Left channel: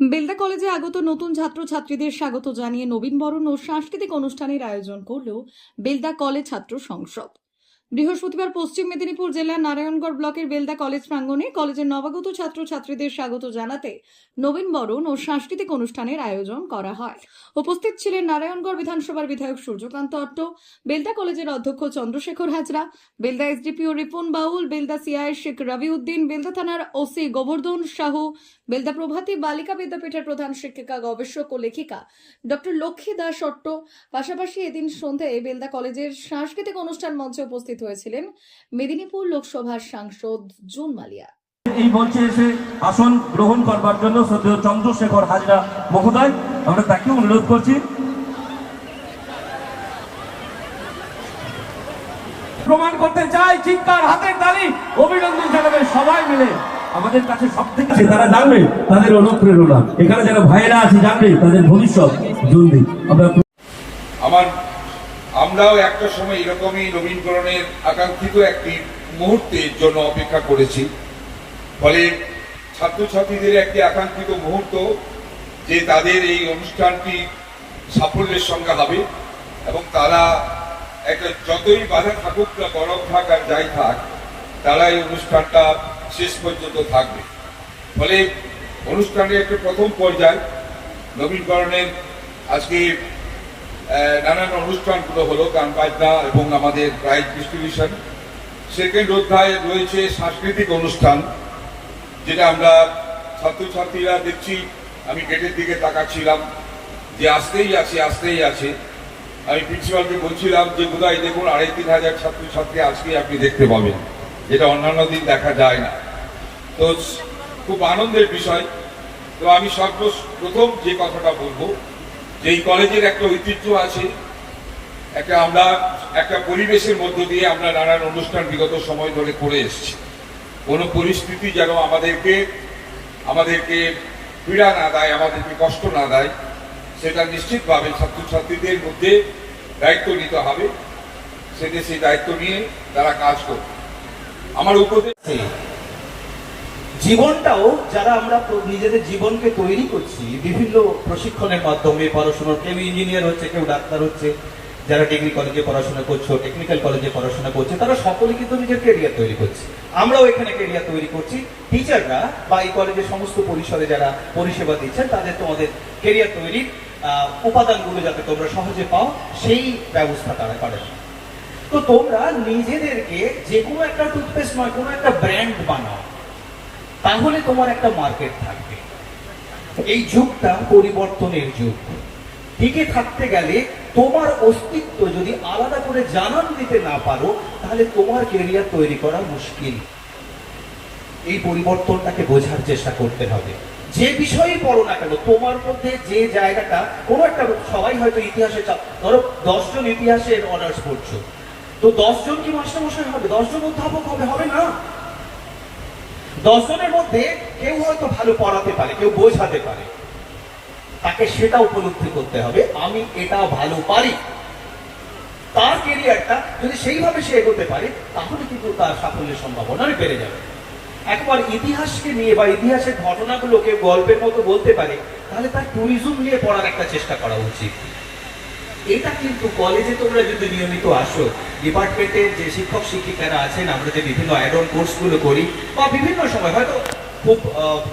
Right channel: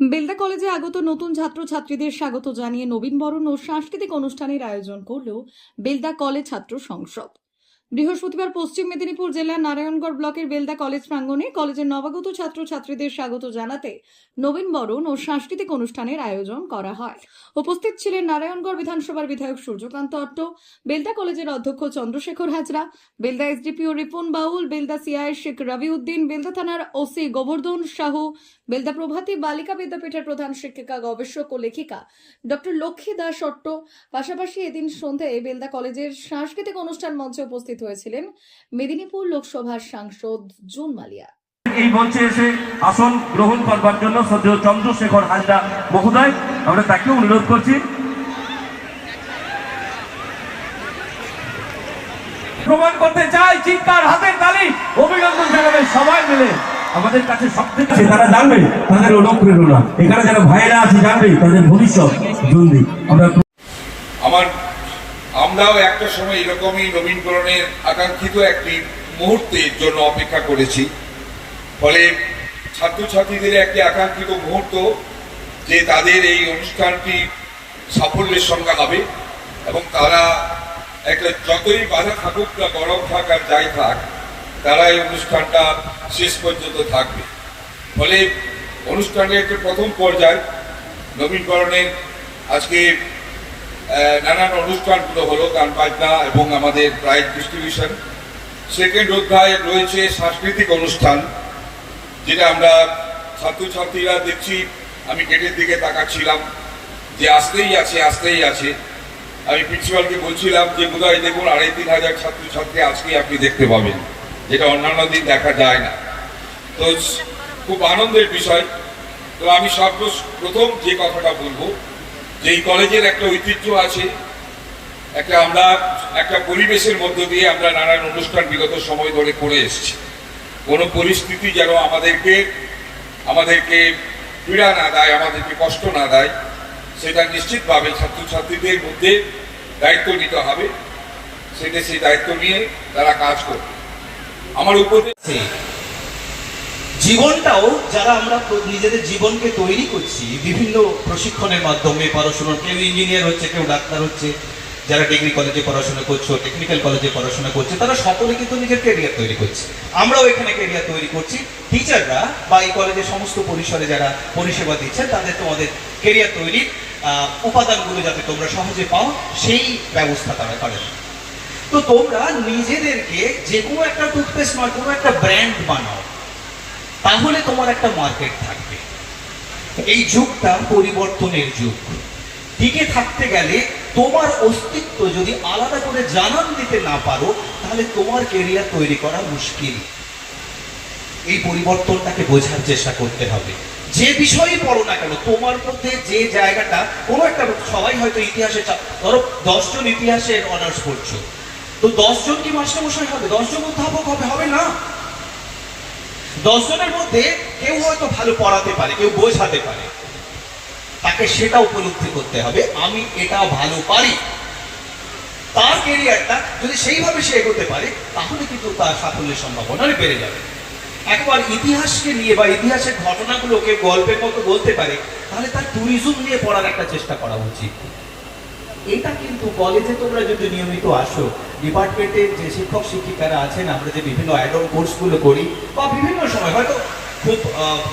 বেলদা কলেজে আগত নতুন ছাত্রছাত্রীদের স্বাগত জানিয়ে নবীনবরণ ও সাংস্কৃতিক অনুষ্ঠানের আয়োজন করল বেলদা কলেজ ছাত্র সংসদ। বৃহস্পতিবার পশ্চিম মেদিনীপুর জেলার নারায়ণগড় ব্লকের বেলদা কলেজ প্রাঙ্গণে কলেজের নবাগত ছাত্রছাত্রীদের স্বাগত জানাতে নবীনবরণ ও সাংস্কৃতিক অনুষ্ঠানের আয়োজন করা হয়। উপস্থিত ছিলেন নারায়ণগড় বিধানসভার বিধায়ক সূর্যকান্ত অট্ট, বেলদা কলেজের অধ্যক্ষ চন্দ্রশেখর হাজরা, বেলদা এসডিপিও রিপন বাউল, বেলদা সিআই শেখ রবিউদ্দিন, বেলদা থানার ওসি গোবর্ধন সাহু, বেলদা প্রভাতী বালিকা বিদ্যাপীঠের প্রধান শিক্ষিকা, গবেষক ও লেখিকা ডক্টর লক্ষ্মী দাস অট্ট। পাশাপাশি এদিন সন্ধ্যায় বেলদা কলেজের সাংস্কৃতিক অনুষ্ঠান মঞ্চে উপস্থিত হয়েছিলেন মেদিনীপুর লোকসভার সাংসদ জুন মালিয়া। এই মঞ্চে এসে আসন গ্রহণ করবার জন্য শ্রদ্ধেয় চন্দ্রশেখর হাজরা মহোদয় আমরা তাকে অনুরোধ করছি। প্রমাণ করতে চাই চিৎকার হাতের তালি অভিনন্দন জানাবে সবাই মিলে। আমাদের কাছে সব থেকে তারা জানবে তাদের অনুপ্রেরণা। এখানে যারা ভাইরা আছে জানবে তাদের ভবিষ্যৎ জলদি। আমার আমরাও একটা সময় এরকমই নবীনকরণের আকাঙ্ক্ষিত একটি মুহূর্তের জন্য অপেক্ষা করেছি। ফলে ছাত্রছাত্রীদের একটি আকাঙ্ক্ষিত মুহূর্ত যে তাদের এই অনুষ্ঠানটি সাফল্যের সঙ্গে হবে এবং তারা একটা যতই বাধা থাকুক না, গরম থাক আর যাই থাক, তারা এই অনুষ্ঠানটা শেষ পর্যন্ত থাকবে। ফলে অনুষ্ঠানের একটা প্রথম পর্যায় নবীনকরণের আজকে নানান অনুষ্ঠানগুলো হলো, গান বাজনা এবং আমাদের প্রাইজ ডিস্ট্রিবিউশন। সেকেন্ড অধ্যায় রয়েছে সাংস্কৃতিক অনুষ্ঠান, যেটা আমরা ছাত্রছাত্রীরা দেখছি, আমি গেটের দিকে তাকাচ্ছিলাম, যে আসতেই আছে আসতেই আছে। আমি প্রিন্সিপালকে বলছিলাম যে, বোধহয় দেখুন, আড়াই তিন হাজার ছাত্রছাত্রী আজকে আপনি দেখতে পাবেন, যেটা অন্যান্য দিন দেখা যায় না। তো খুব আনন্দের বিষয়। তো আমি সর্ব প্রথম যে কথাটা বলব যে এই কলেজের একটা ঐতিহ্য আছে, একটা আমরা, একটা পরিবেশের মধ্য দিয়ে আমরা নানান অনুষ্ঠান বিগত সময় ধরে করে এসেছি কোনো পরিস্থিতি যেন আমাদেরকে আমাদেরকে পীড়া না দেয়, আমাদেরকে কষ্ট না দেয়, সেটা নিশ্চিতভাবে ছাত্রছাত্রীদের মধ্যে দায়িত্ব নিতে হবে সেটা সেই দায়িত্ব নিয়ে তারা কাজ করবে আমার উপদেশ। জীবনটাও যারা আমরা নিজেদের জীবনকে তৈরি করছি, বিভিন্ন প্রশিক্ষণের মাধ্যমে পড়াশোনা, কেউ ইঞ্জিনিয়ার হচ্ছে, কেউ ডাক্তার হচ্ছে, যারা ডিগ্রি কলেজে পড়াশোনা করছ টেকনিক্যাল কলেজে পড়াশোনা করছে, তারা সকলে কিন্তু নিজের কেরিয়ার তৈরি করছে। আমরাও এখানে কেরিয়ার তৈরি করছি। টিচাররা বা এই কলেজের সমস্ত পরিসরে যারা পরিষেবা দিচ্ছেন, তাদের তোমাদের কেরিয়ার তৈরির উপাদানগুলো যাতে তোমরা সহজে পাও, সেই ব্যবস্থা তারা করে তো তোমরা নিজেদেরকে যে কোনো একটা টুথপেস্ট নয় কোনো একটা ব্র্যান্ড বানাও। তাহলে তোমার একটা মার্কেট থাকবে। এই যুগটা পরিবর্তনের যুগ। টিকে থাকতে গেলে তোমার অস্তিত্ব যদি আলাদা করে জানান দিতে না পারো, তাহলে তোমার কেরিয়ার তৈরি করা মুশকিল। এই পরিবর্তনটাকে বোঝার চেষ্টা করতে হবে। যে বিষয়ই পড়ো না কেন, তোমার মধ্যে যে জায়গাটা, কোনো একটা সবাই হয়তো ইতিহাসে ধরো দশজন ইতিহাসের অনার্স করছ তো দশজন কি মাস্টারমশাই হবে? দশজন অধ্যাপক হবে? হবে না। দশজনের মধ্যে কেউ হয়তো ভালো পড়াতে পারে, কেউ বোঝাতে পারে। তাকে সেটা উপলব্ধি করতে হবে, আমি এটা ভালো পারি। তার কেরিয়ারটা যদি সেইভাবে সে এগোতে পারে, তাহলে কিন্তু তার সাফল্যের সম্ভাবনা বেড়ে যাবে। একবার ইতিহাসকে নিয়ে বা ইতিহাসের ঘটনাগুলোকে গল্পের মতো বলতে পারে, তাহলে তার ট্যুরিজম নিয়ে পড়ার একটা চেষ্টা করা উচিত। এটা কিন্তু কলেজে তোমরা যদি নিয়মিত আসো ডিপার্টমেন্টের যে শিক্ষক, শিক্ষিকারা আছেন, আমরা যে বিভিন্ন অ্যাডন কোর্সগুলো করি, বা বিভিন্ন সময়, হয়তো খুব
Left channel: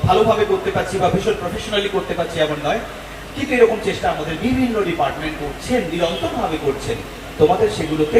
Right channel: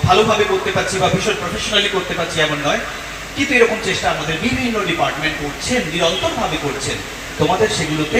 ভালোভাবে করতে পারছি বা ভীষণ প্রফেশনালি করতে পারছি এমন নয়, কিন্তু এরকম চেষ্টা আমাদের বিভিন্ন ডিপার্টমেন্ট করছেন, নিরন্তরভাবে করছেন। তোমাদের সেগুলোতে